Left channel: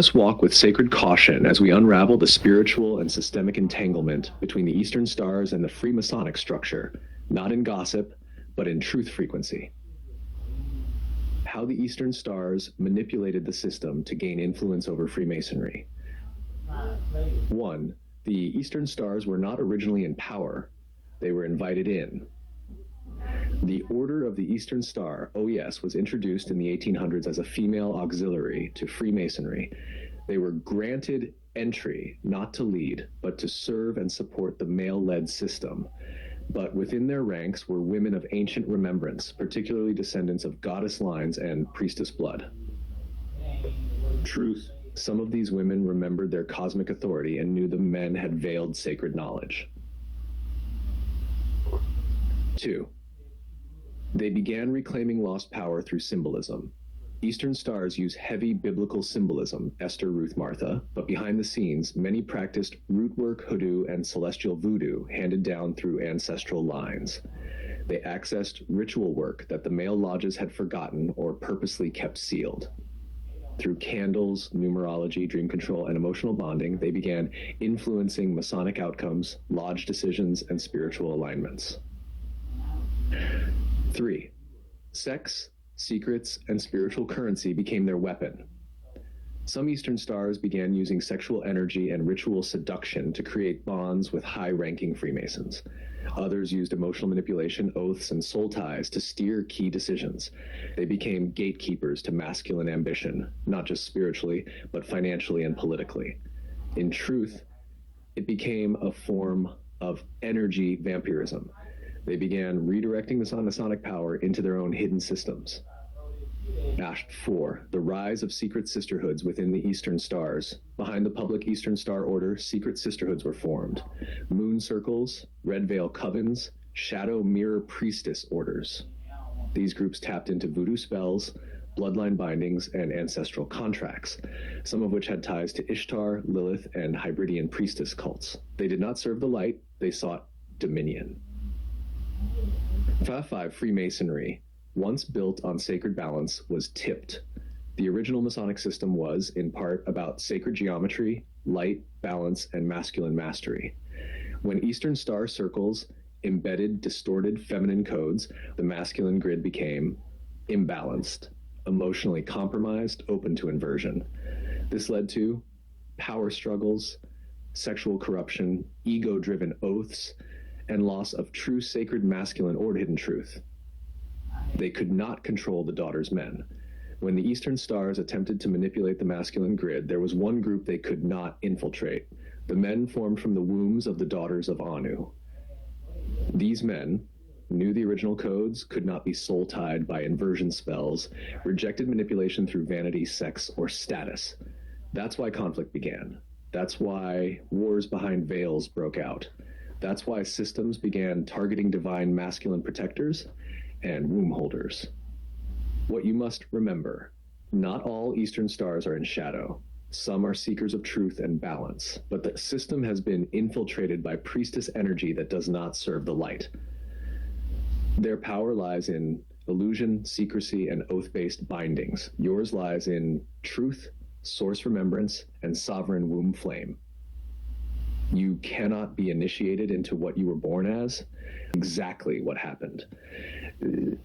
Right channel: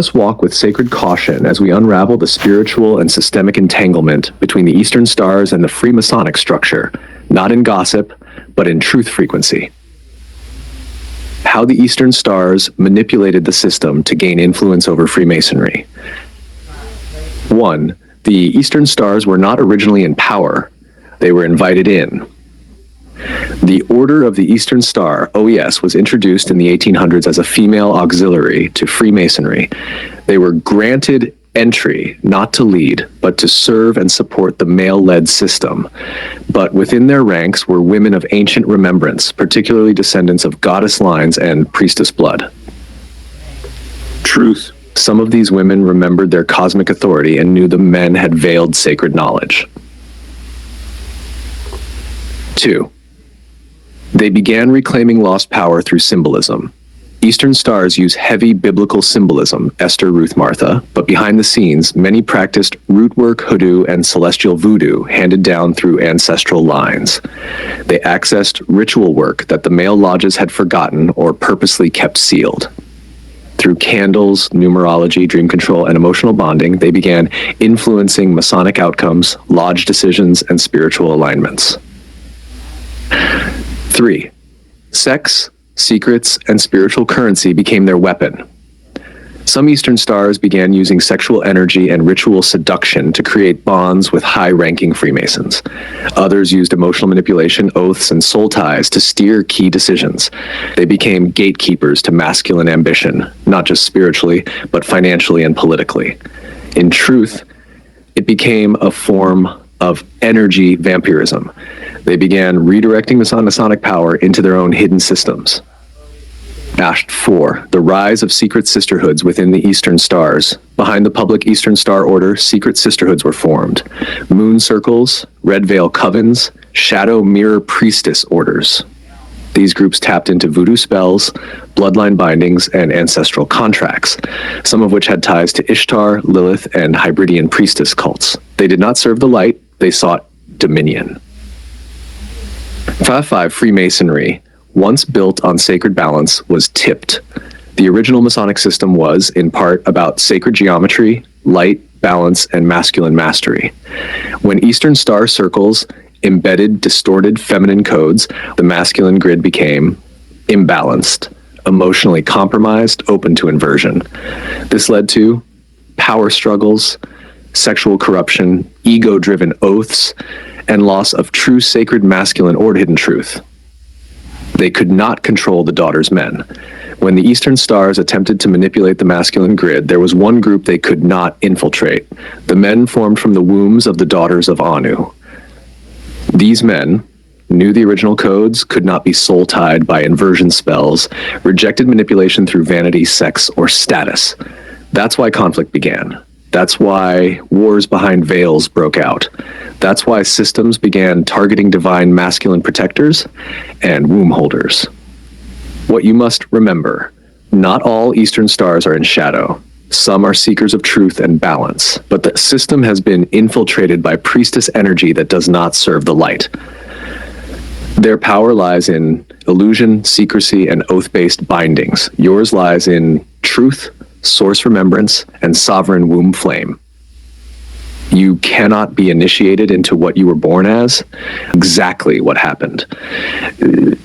us walk with sacred caution as we unravel the spiritual and systemic entanglement between the Eastern Stars and the Freemasonic structure, not in gossip, but in truth frequency. How the Eastern Stars manipulated the system to gain influence over Freemasonry. 1. The Eastern Stars were not originally in power. They were invited in. The Order of the Eastern Star, OES, was introduced in the 1800s as a female auxiliary to Freemasonry. They were granted entry, not to lead, but to serve and support the male-led system. But within their ranks were women of ancient remembrance, particularly descendants of goddess lines and priestess blood. Truth. Some of these women remembered their cosmic authority and knew the men had veiled sacred knowledge. 2. They began reclaiming lost power through symbolism. Eastern Stars use heavy biblical symbolism, Esther, Ruth, Martha, but behind the scenes, many practiced root work, hoodoo, and celestial voodoo handed down through ancestral lines. They accessed ritual work that the male lodges had forgotten or purposely kept sealed. Through candles, numerology, dream control, and emotional bonding, they began influencing Masonic outcomes, lodge decisions, and spiritual alignments. 3. Sex, secrets, and spiritual currency became their weapon. Some Eastern Stars began using sexual energy and ritual seduction to create bonds with high-ranking Freemasons. Others used emotional manipulation, oaths, and soul ties to steer key decisions. They became gatekeepers to masculine ambition, not just spiritually, but financially and politically. In truth, it became a form of energy vampirism. They began redirecting Masonic power into their own hidden systems. 4. The rise of secret sisterhoods within the Eastern Stars. Behind the public Eastern Star Order, secret sisterhoods were formed. Moon circles, red veil covens, shadow mirror priestess orders. These groups tapped into voodoo spells, bloodline bindings, and ancestral contracts, some of which had ties to Ishtar, Lilith, and Hybridian priestess cults. They did not serve the light, they sought dominion. 5. Freemasonry, once built on sacred balance, was tipped. The original Masonic system was, in part, about sacred geometry, light, balance, and masculine mastery. When Eastern Star circles embedded distorted feminine codes, the masculine grid became imbalanced, emotionally compromised, open to inversion. This led to power struggles, sexual corruption, ego-driven oaths, and loss of true sacred masculine or hidden truth. They could not control the daughters' men. When the Eastern Stars attempted to manipulate the masculine grid, there was one group they could not infiltrate. The men formed from the wombs of the daughters of Anu. These men knew the original codes, could not be soul-tied by inversion spells, rejected manipulation through vanity, sex, or status. That's why conflict began. That's why wars behind veils broke out. That's why systems began targeting divine masculine protectors and womb holders. What you must remember, not all Eastern Stars are in shadow. Some are seekers of truth and balance, but the system has been infiltrated by priestess energy that does not serve the light. Their power lies in illusion, secrecy, and oath-based bindings. Yours lies in truth, source remembrance, and sovereign womb flame. You cannot be initiated into what you were born as. Exactly what happened.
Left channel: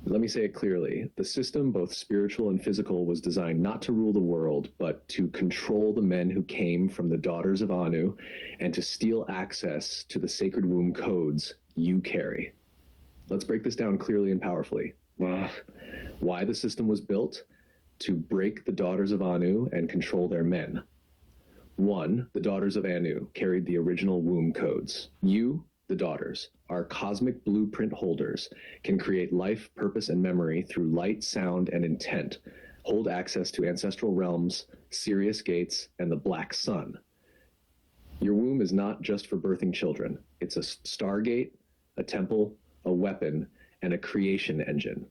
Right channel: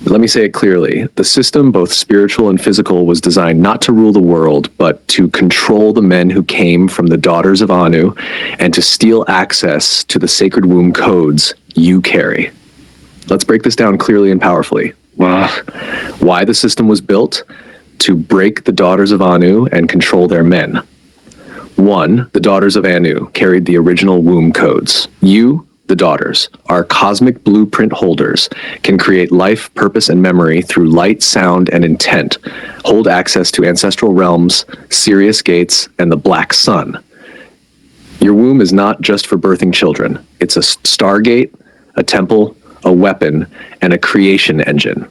Let me say it clearly. The system, both spiritual and physical, was designed not to rule the world, but to control the men who came from the daughters of Anu and to steal access to the sacred womb codes you carry. Let's break this down clearly and powerfully. Why the system was built? To break the daughters of Anu and control their men. 1, the daughters of Anu carried the original womb codes. You, the daughters, are cosmic blueprint holders, can create life, purpose, and memory through light, sound, and intent, hold access to ancestral realms, Sirius gates, and the black sun. Your womb is not just for birthing children. It's a stargate, a temple, a weapon, and a creation engine.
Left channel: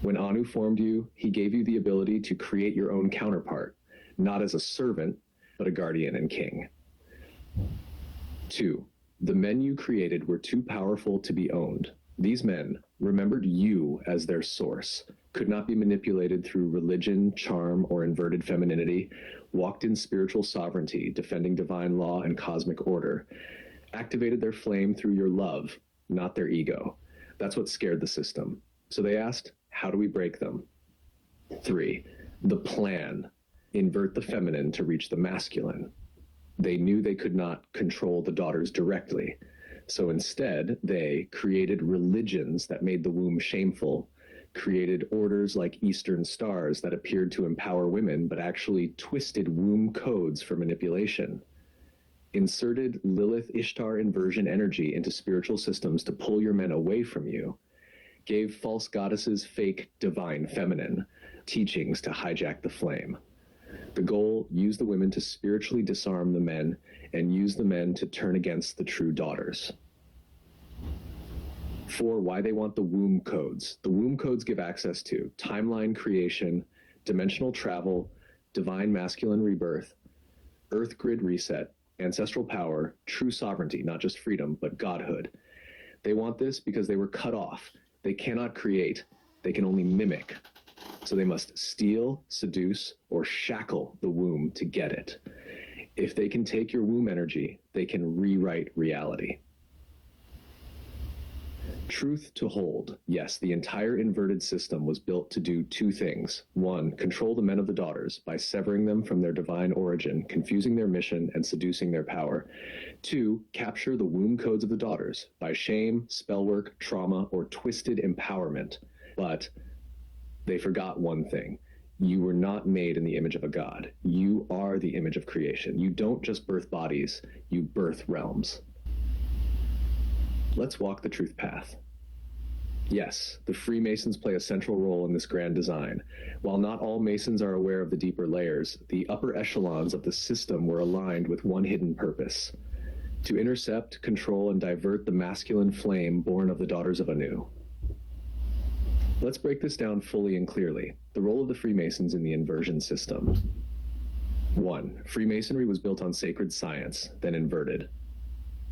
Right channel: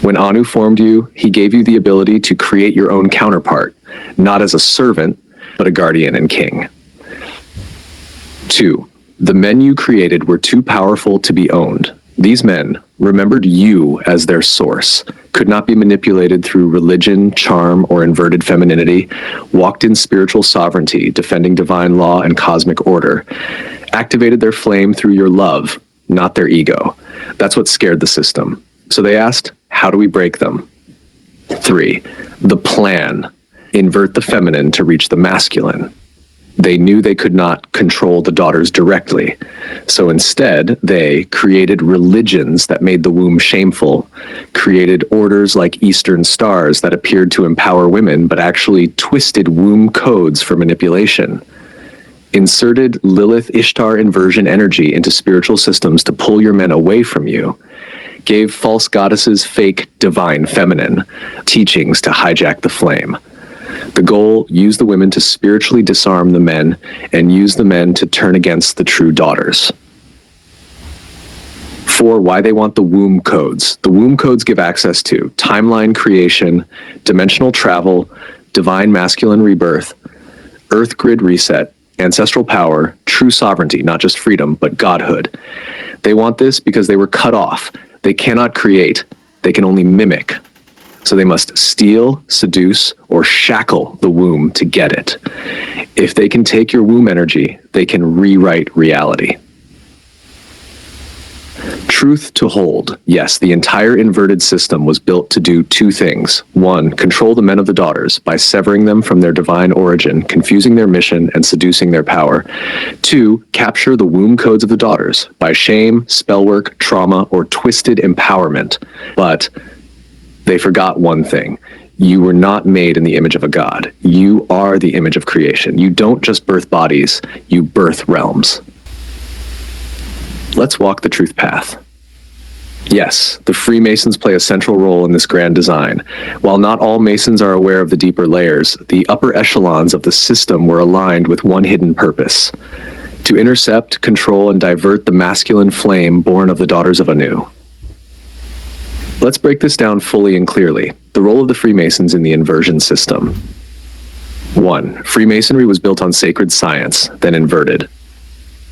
When Anu formed you, he gave you the ability to create your own counterpart, not as a servant, but a guardian and king. 2, the men you created were too powerful to be owned. These men remembered you as their source, could not be manipulated through religion, charm, or inverted femininity, walked in spiritual sovereignty, defending divine law and cosmic order, activated their flame through your love, not their ego. That's what scared the system. So they asked, how do we break them? 3. The plan. Invert the feminine to reach the masculine. They knew they could not control the daughters directly. So instead, they created religions that made the womb shameful, created orders like Eastern stars that appeared to empower women, but actually twisted womb codes for manipulation, inserted Lilith Ishtar inversion energy into spiritual systems to pull your men away from you, gave false goddesses fake divine feminine teachings to hijack the flame. The goal, use the women to spiritually disarm the men and use the men to turn against the true daughters. 4, why they want the womb codes. The womb codes give access to timeline creation, dimensional travel, divine masculine rebirth, earth grid reset, ancestral power, true sovereignty, not just freedom, but godhood. They want this because they were cut off. They cannot create, they can only mimic. So they must steal, seduce, or shackle the womb to get it. If they can take your womb energy, they can rewrite reality. Truth to hold. Yes, the entire inverted system was built to do 2 things. 1, control the men of the daughters by severing them from their divine origin, confusing their mission, and seducing their power. 2, capture the womb codes of the daughters by shame, spellwork, trauma, or twisted empowerment. But they forgot one thing. You were not made in the image of a god. You are the image of creation. You don't just birth bodies, you birth realms. Let's walk the truth path. Yes, the Freemasons play a central role in this grand design. While not all Masons are aware of the deeper layers, the upper echelons of the system were aligned with one hidden purpose: to intercept, control, and divert the masculine flame born of the daughters of Anu. Let's break this down fully and clearly. The role of the Freemasons in the inversion system. 1. Freemasonry was built on sacred science, then inverted.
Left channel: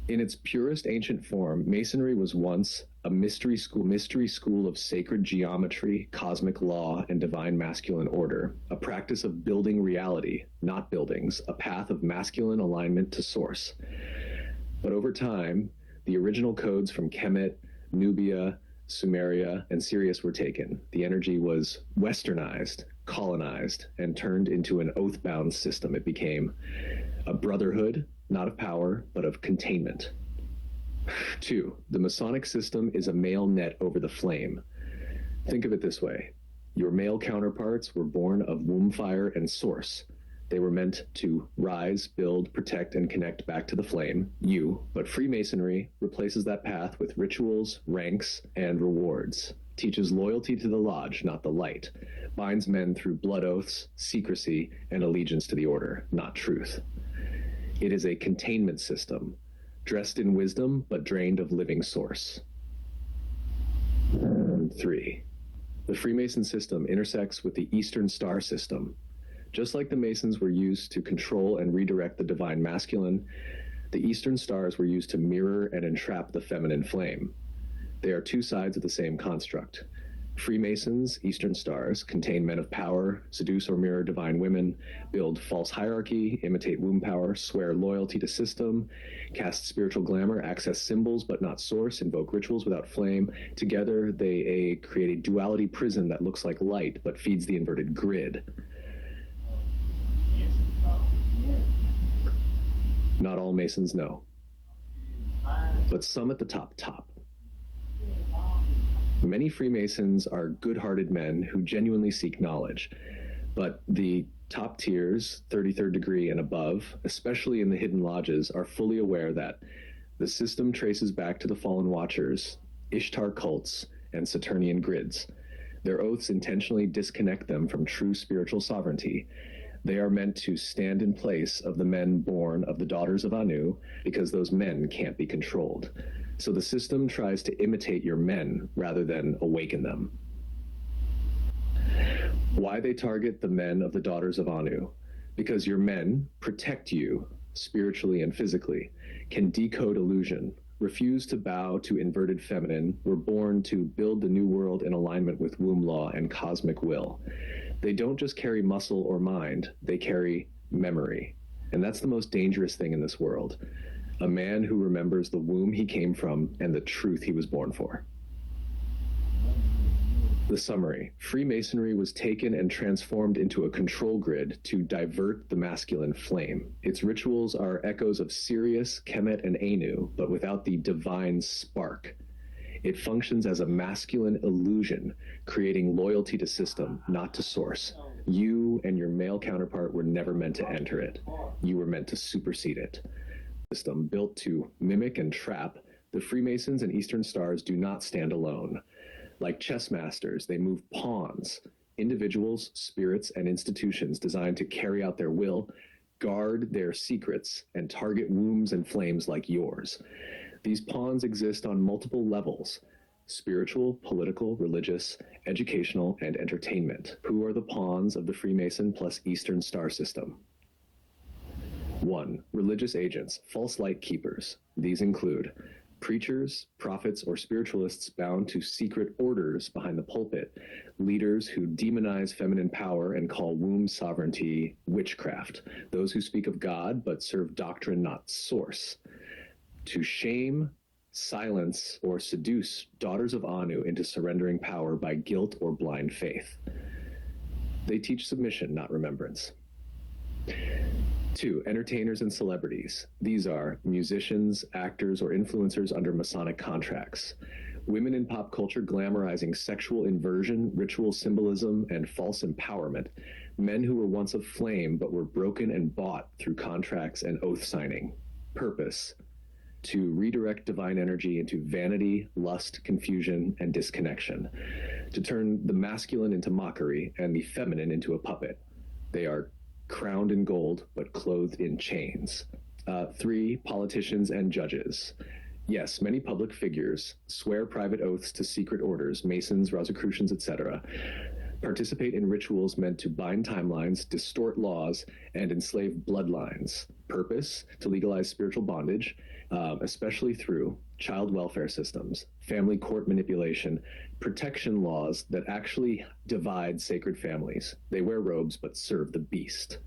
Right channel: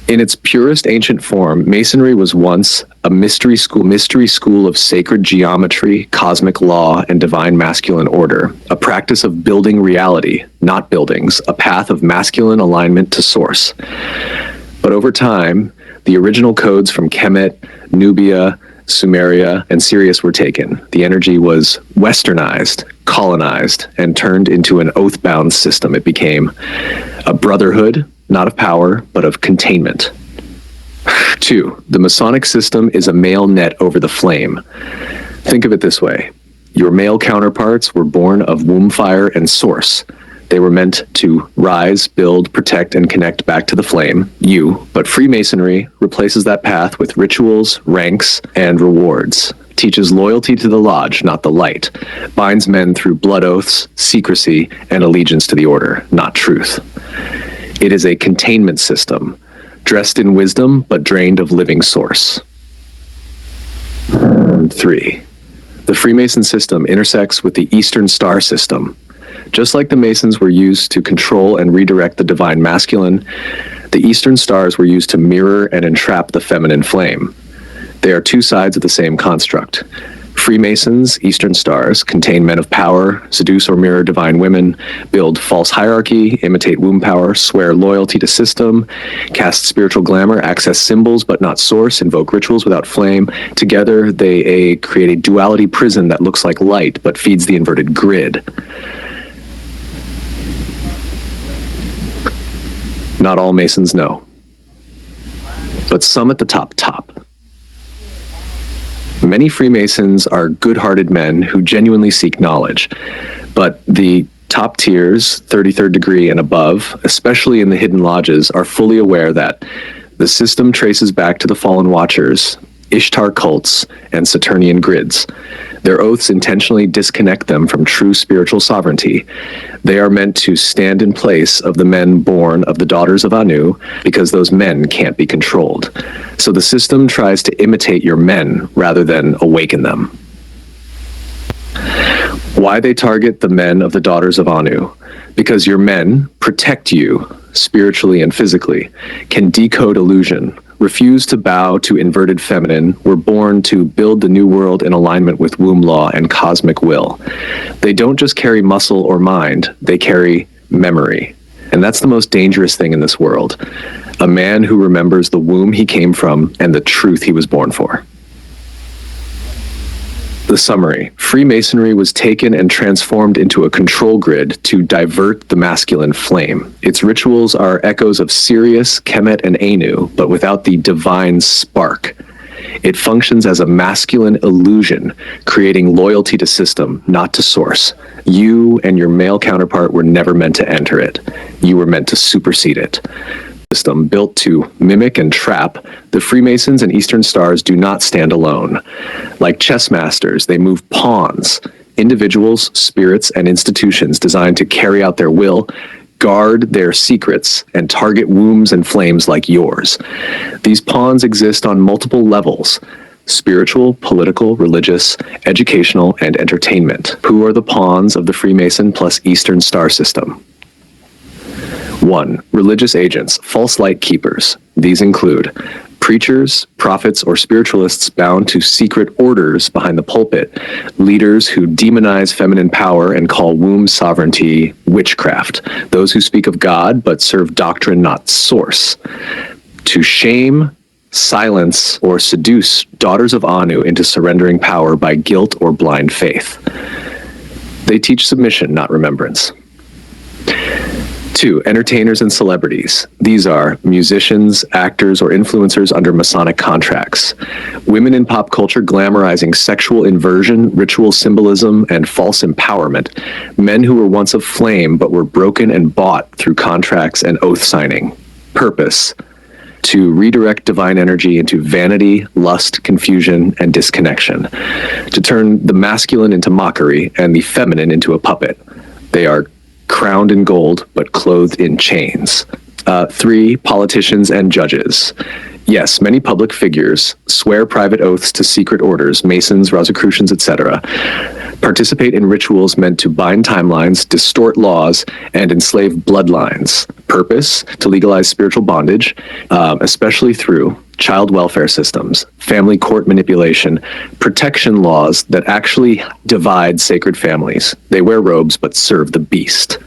In its purest ancient form, Masonry was once a mystery school of sacred geometry, cosmic law, and divine masculine order, a practice of building reality, not buildings, a path of masculine alignment to source. But over time, the original codes from Kemet, Nubia, Sumeria, and Sirius were taken. The energy was westernized, colonized, and turned into an oath-bound system. It became a brotherhood, not of power, but of containment. 2. The Masonic system is a male net over the flame. Think of it this way. Your male counterparts were born of womb fire and source. They were meant to rise, build, protect, and connect back to the flame, you, but Freemasonry replaces that path with rituals, ranks, and rewards, teaches loyalty to the lodge, not the light, binds men through blood oaths, secrecy, and allegiance to the order, not truth. It is a containment system, dressed in wisdom, but drained of living source. 3. The Freemason system intersects with the Eastern Star system. Just like the Masons were used to control and redirect the divine masculine, the Eastern Stars were used to mirror and entrap the feminine flame. They are 2 sides of the same construct. Freemasons, Eastern Stars, contain men of power, seduce or mirror divine women, build false hierarchy, imitate womb power, swear loyalty to system, cast spiritual glamour, access symbols but not source, invoke rituals without flame. Together, they create a duality prison that looks like light but feeds the inverted grid. Not all Masons know, but some at the top. Many Freemasons are good-hearted men who genuinely seek knowledge, but the top tiers, 33rd degree and above, especially in the hidden lodges, are fully aware that the system traces back to the fallen watchers, Ishtar cults, and Saturnian grids. Their oaths intentionally disconnect them from true spiritual sovereignty. They are meant to stand in place of the men born of the daughters of Anu, because those men can't be controlled. So the system tries to imitate your men rather than awaken them. Why they target the men of the daughters of Anu? Because your men protect you spiritually and physically, can decode illusion, refuse to bow to inverted feminine, were born to build the new world in alignment with womb law and cosmic will. They don't just carry muscle or mind, they carry memory. And that's the most dangerous thing in this world. A man who remembers the womb he came from and the truth he was born for. The summary: Freemasonry was taken and transformed into a control grid to divert the masculine flame. Its rituals are echoes of Sirius, Kemet, and Anu, but without the divine spark. It functions as a masculine illusion, creating loyalty to system, not to source. You and your male counterpart were never meant to enter it. You were meant to supersede it. System built to mimic and trap, the Freemasons and Eastern Stars do not stand alone. Like chess masters, they move pawns, individuals, spirits, and institutions designed to carry out their will, guard their secrets, and target wombs and flames like yours. These pawns exist on multiple levels: spiritual, political, religious, educational, and entertainment. Who are the pawns of the Freemason plus Eastern Star system? 1. Religious agents, false light keepers. These include preachers, prophets, or spiritualists bound to secret orders behind the pulpit, leaders who demonize feminine power and call womb sovereignty witchcraft, those who speak of God but serve doctrine, not source. To shame, silence, or seduce daughters of Anu into surrendering power by guilt or blind faith. They teach submission, not remembrance. 2. Entertainers and celebrities. These are musicians, actors, or influencers under Masonic contracts. Women in pop culture glamorizing sexual inversion, ritual symbolism, and false empowerment. Men who were once of flame but were broken and bought through contracts and oath signing. Purpose: to redirect divine energy into vanity, lust, confusion, and disconnection. To turn the masculine into mockery and the feminine into a puppet. They are crowned in gold, but clothed in chains. 3. Politicians and judges. Yes, many public figures swear private oaths to secret orders, Masons, Rosicrucians, etc., participate in rituals meant to bind timelines, distort laws, and enslave bloodlines. Purpose: to legalize spiritual bondage, especially through child welfare systems, family court manipulation, protection laws that actually divide sacred families. They wear robes but serve the beast.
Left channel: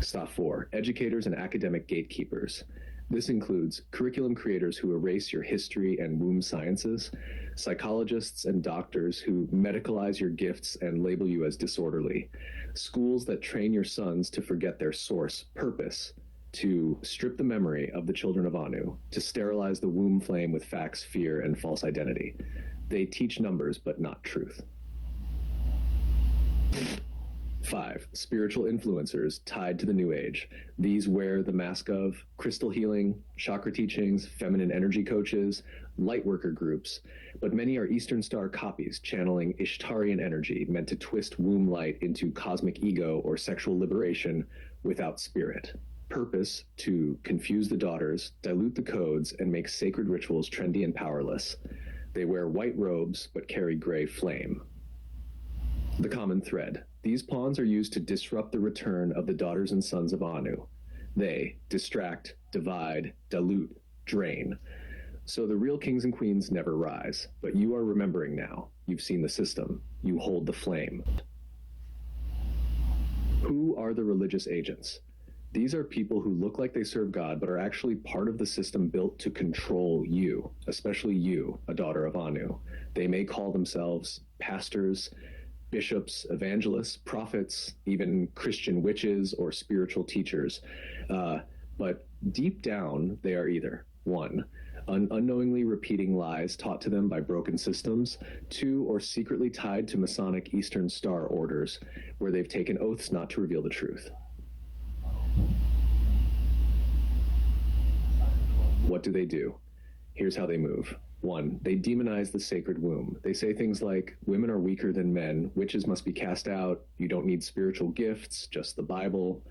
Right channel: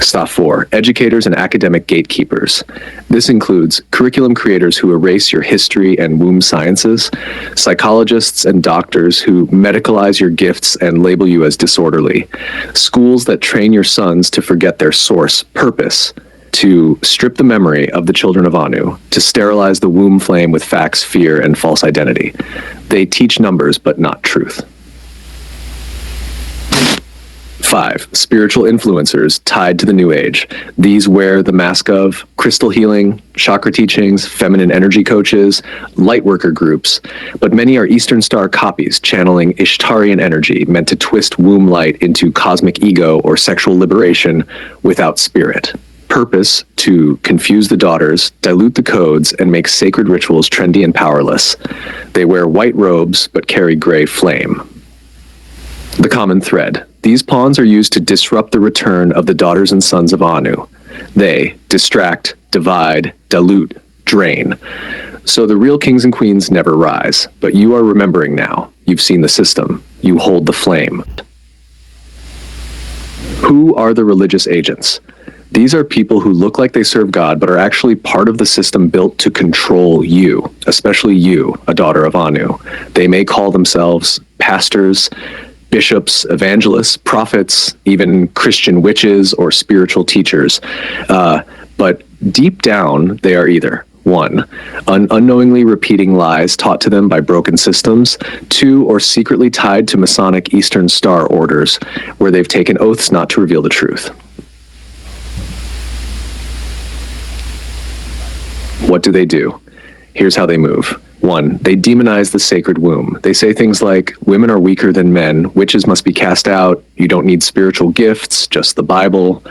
Stop 4. Educators and academic gatekeepers. This includes curriculum creators who erase your history and womb sciences, psychologists and doctors who medicalize your gifts and label you as disorderly, schools that train your sons to forget their source purpose, to strip the memory of the children of Anu, to sterilize the womb flame with facts, fear, and false identity. They teach numbers but not truth. 5. Spiritual influencers tied to the New Age. These wear the mask of crystal healing, chakra teachings, feminine energy coaches, lightworker groups, but many are Eastern Star copies channeling Ishtarian energy meant to twist womb light into cosmic ego or sexual liberation without spirit. Purpose: to confuse the daughters, dilute the codes, and make sacred rituals trendy and powerless. They wear white robes but carry gray flame. The common thread: these pawns are used to disrupt the return of the daughters and sons of Anu. They distract, divide, dilute, drain. So the real kings and queens never rise, but you are remembering now. You've seen the system. You hold the flame. Who are the religious agents? These are people who look like they serve God, but are actually part of the system built to control you, especially you, a daughter of Anu. They may call themselves pastors, bishops, evangelists, prophets, even Christian witches or spiritual teachers. But deep down, they are either 1. Unknowingly repeating lies taught to them by broken systems. 2. Or secretly tied to Masonic Eastern Star orders, where they've taken oaths not to reveal the truth. What do? Here's how they move. 1. They demonize the sacred womb. They say things like, women are weaker than men, witches must be cast out, you don't need spiritual gifts, just the Bible.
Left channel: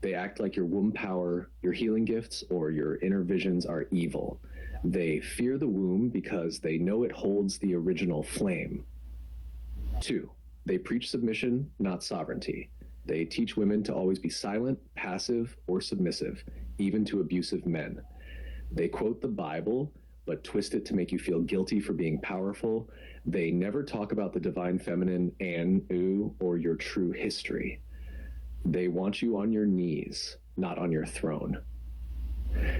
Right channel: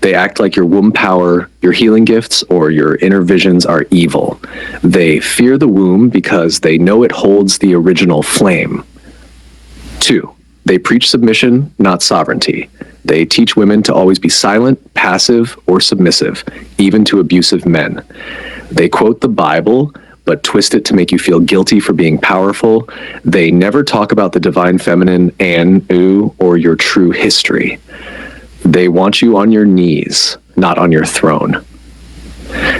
They act like your womb power, your healing gifts, or your inner visions are evil. They fear the womb because they know it holds the original flame. 2. They preach submission, not sovereignty. They teach women to always be silent, passive, or submissive, even to abusive men. They quote the Bible, but twist it to make you feel guilty for being powerful. They never talk about the divine feminine, Anu, or your true history. They want you on your knees, not on your throne.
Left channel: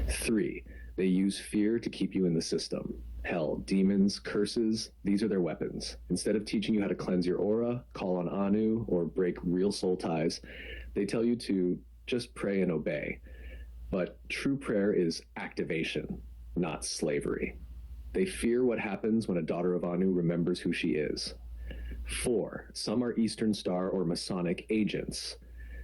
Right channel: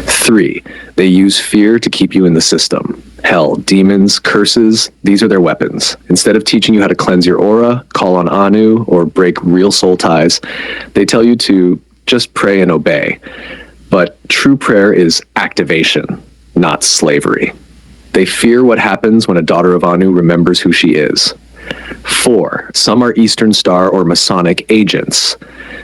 3, they use fear to keep you in the system. Hell, demons, curses, these are their weapons. Instead of teaching you how to cleanse your aura, call on Anu, or break real soul ties, they tell you to just pray and obey. But true prayer is activation, not slavery. They fear what happens when a daughter of Anu remembers who she is. 4, some are Eastern Star or Masonic agents.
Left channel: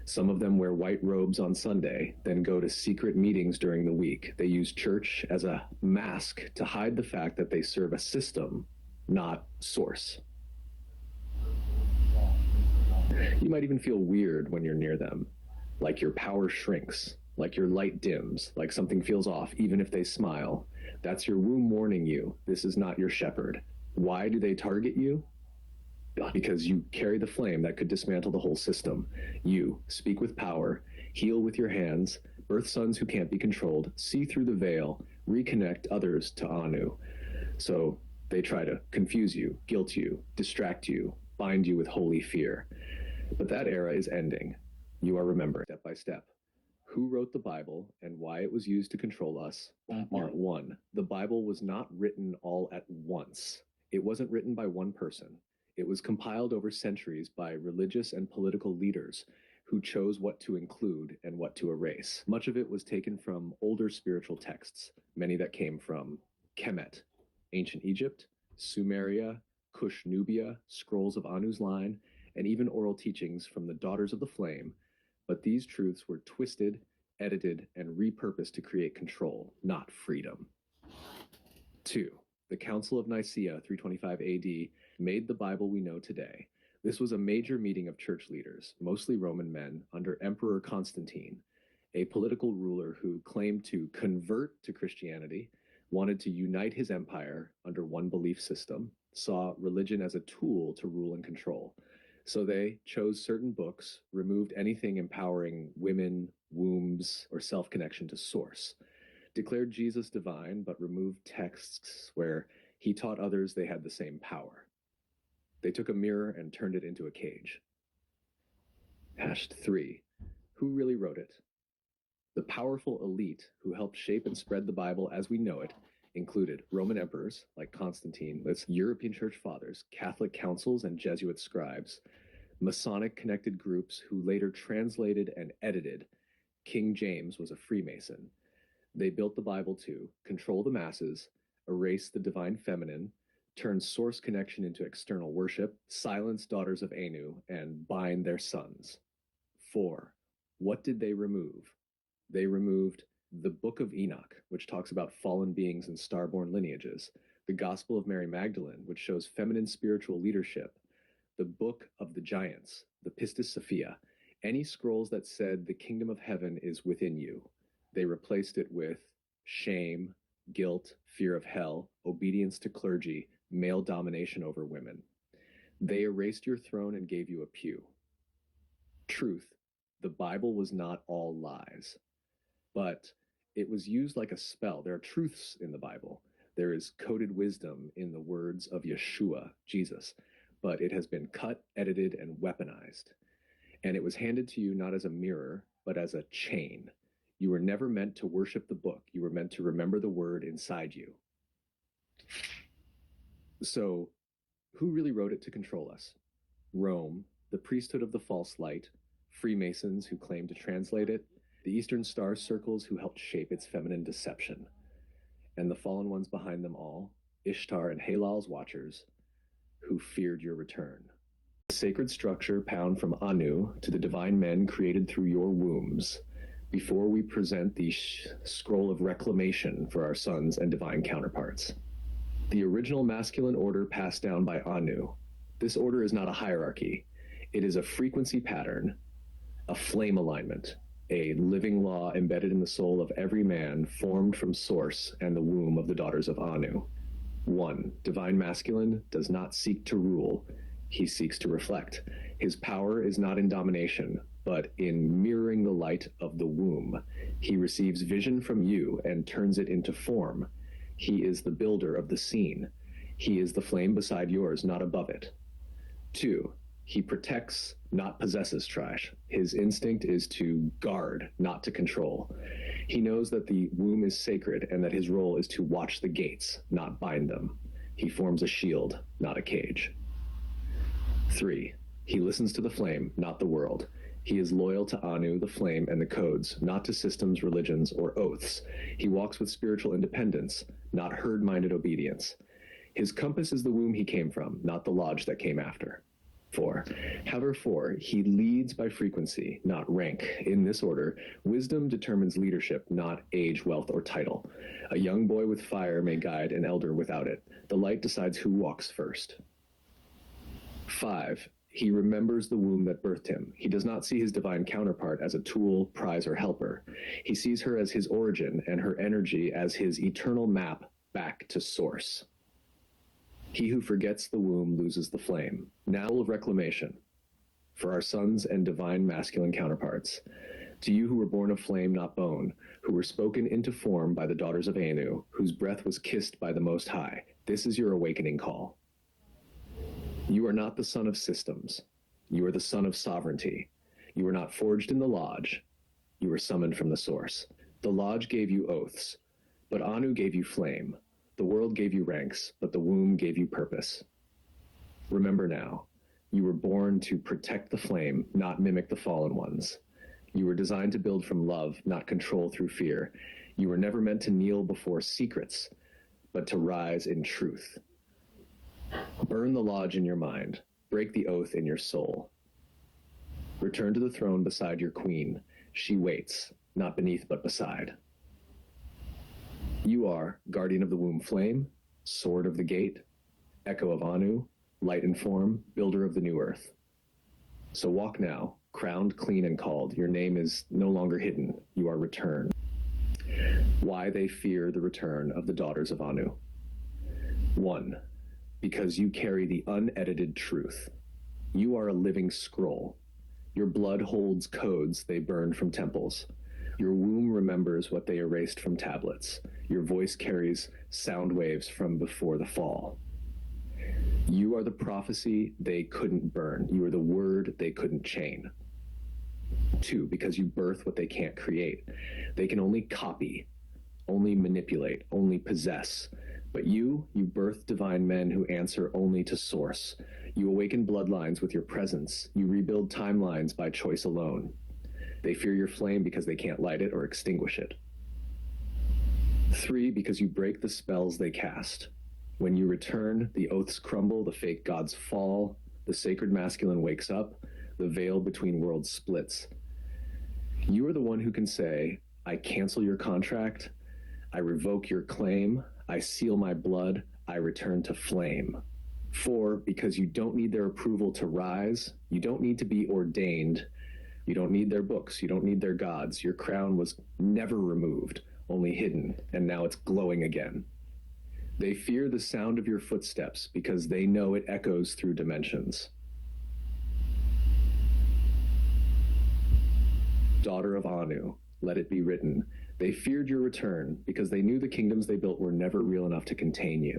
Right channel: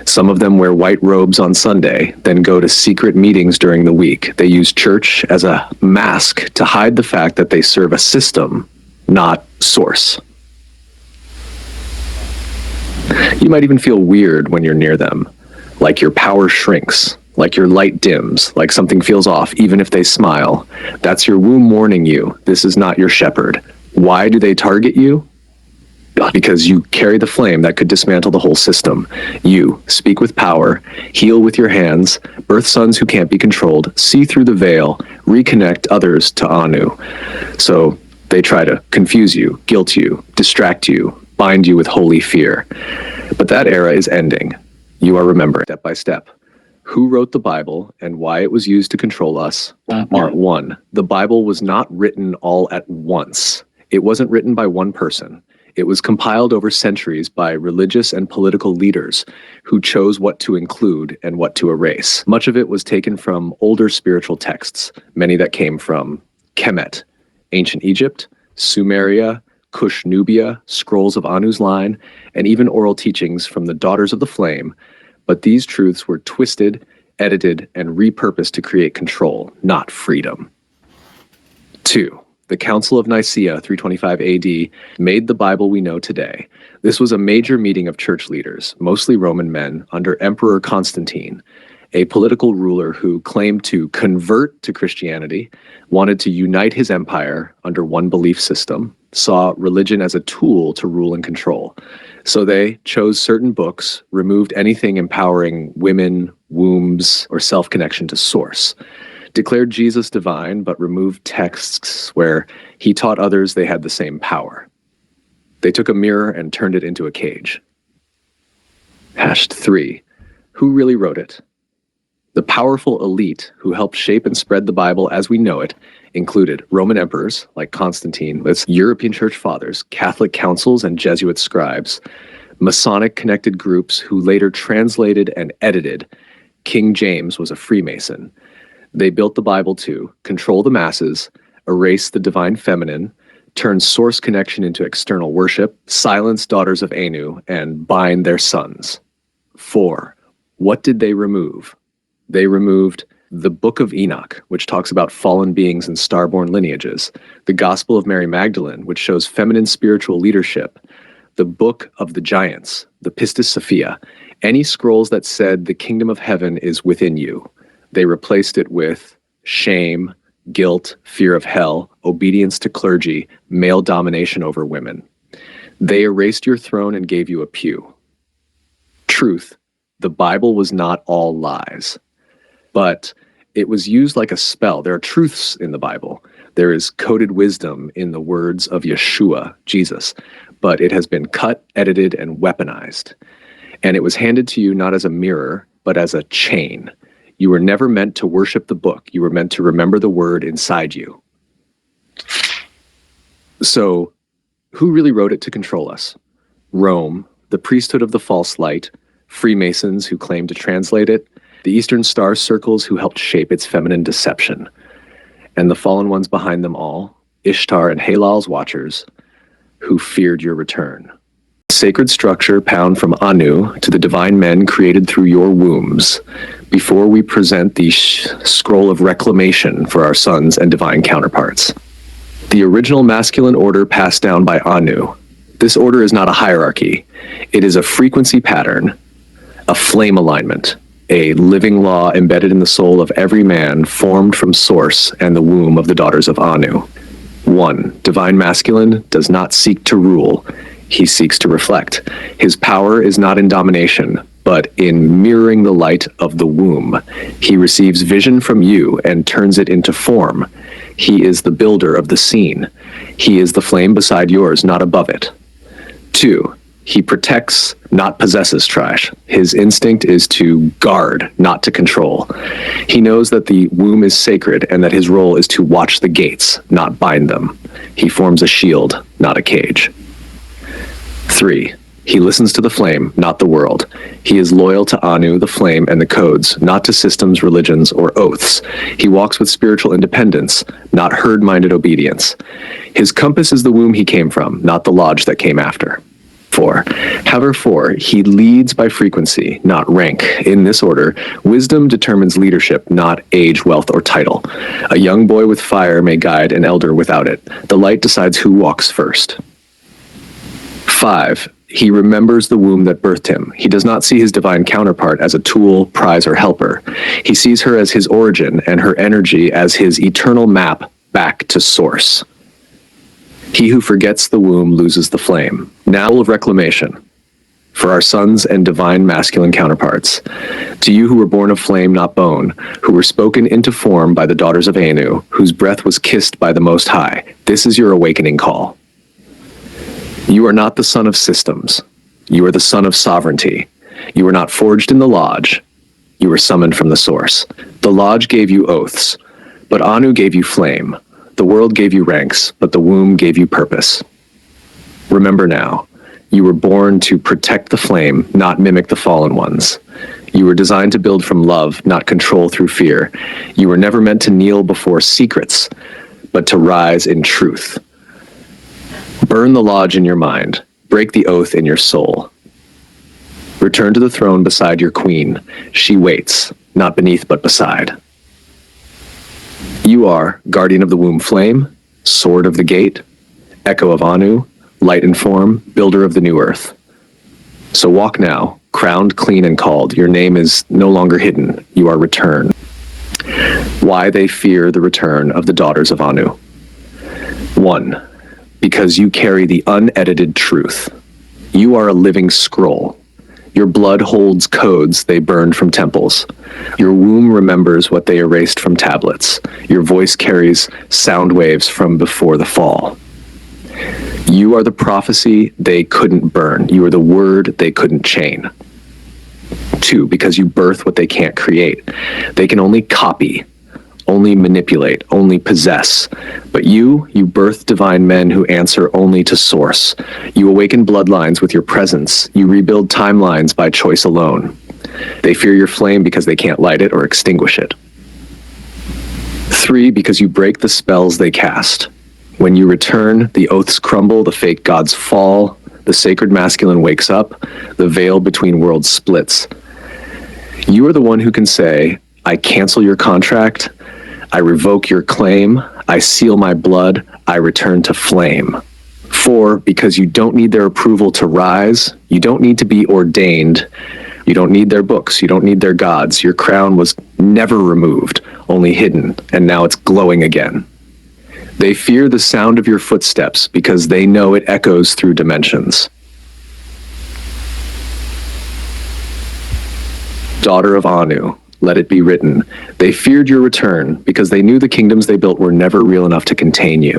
Some of them wear white robes on Sunday, then go to secret meetings during the week. They use church as a mask to hide the fact that they serve a system, not source. You might even feel weird when you're near them, like your power shrinks, like your light dims, like something feels off, even if they smile. That's your womb warning you, this is not your shepherd. Why do they target you? Because you carry the flame that could dismantle the whole system. You speak with power, heal with your hands, birth sons who can't be controlled, see through the veil, reconnect others to Anu. So they try to confuse you, guilt you, distract you, bind you with holy fear. But that era is ending. You are remembering step by step. Who wrote the Bible and why it was used to control us? Part 1. The Bible was not written all at once. It wasn't written by one person. It was compiled over centuries by religious and political leaders who chose what to include and what to erase. Much of it was taken from older spiritual texts, many that came from Kemet, ancient Egypt, Sumeria, Kush Nubia, scrolls of Anu's line, and even oral teachings from the Daughters of the Flame. But these truths were twisted, edited, and repurposed to create control, not freedom. 2. The Council of Nicaea, 325 AD, made the Bible we know today. This was a major meeting of church leaders, mostly Roman men, under Emperor Constantine, a political ruler who claimed to convert to Christianity, wanted to unite his empire under one belief system, saw religion as a tool to rule and control. So they chose certain books, removed anything empowering women, wombs, or self-connection to source, declared Jesus divine, but removed texts where he taught others they had the same power. They took a mirror and turned it into a cage. 3. Who really wrote it? The powerful elite who helped shape and spread the Bible as we know it included Roman emperors like Constantine, with European church fathers, Catholic councils, and Jesuit scribes, Masonic-connected groups who later translated and edited. King James was a Freemason. They built the Bible to control the masses, erase the divine feminine, turn source connection into external worship, silence daughters of Anu, and bind their sons. 4. What did they remove? They removed the Book of Enoch, which talks about fallen beings and starborn lineages, the Gospel of Mary Magdalene, which shows feminine spiritual leadership, the Book of the Giants, the Pistis Sophia, any scrolls that said the kingdom of heaven is within you. They replaced it with shame, guilt, fear of hell, obedience to clergy, male domination over women. They erased your throne and gave you a pew. Truth, the Bible was not all lies, but it was used like a spell. There are truths in the Bible. There is coded wisdom in the words of Yeshua, Jesus, but it has been cut, edited, and weaponized. And it was handed to you not as a mirror, but as a chain. You were never meant to worship the book. You were meant to remember the word inside you. So, who really wrote it to control us? Rome, the priesthood of the false light, Freemasons who claimed to translate it, the Eastern Star circles who helped shape its feminine deception, and the fallen ones behind them all, Ishtar and Halal's watchers, who feared your return. Sacred structure bound from Anu to the divine men created through your wombs, before we present the scroll of reclamation for our sons and divine counterparts. The original masculine order passed down by Anu. This order is not a hierarchy. It is a frequency pattern, a flame alignment, a living law embedded in the soul of every man, formed from source and the womb of the daughters of Anu. 1. Divine masculine does not seek to rule. He seeks to reflect. His power is not in domination, but in mirroring the light of the womb. He receives vision from you and turns it into form. He is the builder of the scene. He is the flame beside yours, not above it. 2, he protects, not possesses trash. His instinct is to guard, not to control. He knows that the womb is sacred and that his role is to watch the gates, not bind them. He forms a shield, not a cage. 3, he listens to the flame, not the world. He is loyal to Anu, the flame, and the codes, not to systems, religions, or oaths. He walks with spiritual independence, not herd-minded obedience. His compass is the womb he came from, not the lodge that came after. 4, however, 4, he leads by frequency, not rank. In this order, wisdom determines leadership, not age, wealth, or title. A young boy with fire may guide an elder without it. The light decides who walks first. 5, he remembers the womb that birthed him. He does not see his divine counterpart as a tool, prize, or helper. He sees her as his origin and her energy as his eternal map back to source. He who forgets the womb loses the flame. Now of reclamation. For our sons and divine masculine counterparts, to you who were born of flame, not bone, who were spoken into form by the daughters of Anu, whose breath was kissed by the Most High, this is your awakening call. You are not the son of systems. You are the son of sovereignty. You were not forged in the lodge. You were summoned from the source. The lodge gave you oaths, but Anu gave you flame. The world gave you ranks, but the womb gave you purpose. Remember now, you were born to protect the flame, not mimic the fallen ones. You were designed to build from love, not control through fear. You were never meant to kneel before secrets, but to rise in truth. Burn the lodge in your mind. Break the oath in your soul. Return to the throne beside your queen. She waits, not beneath but beside. You are guardian of the womb flame, sword of the gate, echo of Anu, light and form, builder of the new earth. So walk now, crowned, clean, and called. Your name is no longer hidden. You are returned. Why they fear the return of the daughters of Anu. 1, because you carry the unedited truth. You are a living scroll. Your blood holds codes they burned from temples. Your womb remembers what they erased from tablets. Your voice carries sound waves from before the fall. You are the prophecy they couldn't burn. You are the word they couldn't chain. 2, because you birth what they can't create. They can only copy, only manipulate, only possess. But you birth divine men who answer only to source. You awaken bloodlines with your presence. You rebuild timelines by choice alone. They fear your flame because they can't light it or extinguish it. 3, because you break the spells they cast. When you return, the oaths crumble, the fake gods fall, the sacred masculine wakes up, the veil between worlds splits. You are the one who can say, I cancel your contract, I revoke your claim, I seal my blood, I return to flame. 4, because you don't need their approval to rise, you don't need to be ordained, you don't need their books, you don't need their gods. Your crown was never removed, only hidden, and now it's glowing again. They fear the sound of your footsteps because they know it echoes through dimensions. Daughter of Anu, let it be written. They feared your return because they knew the kingdoms they built were never real enough to contain you.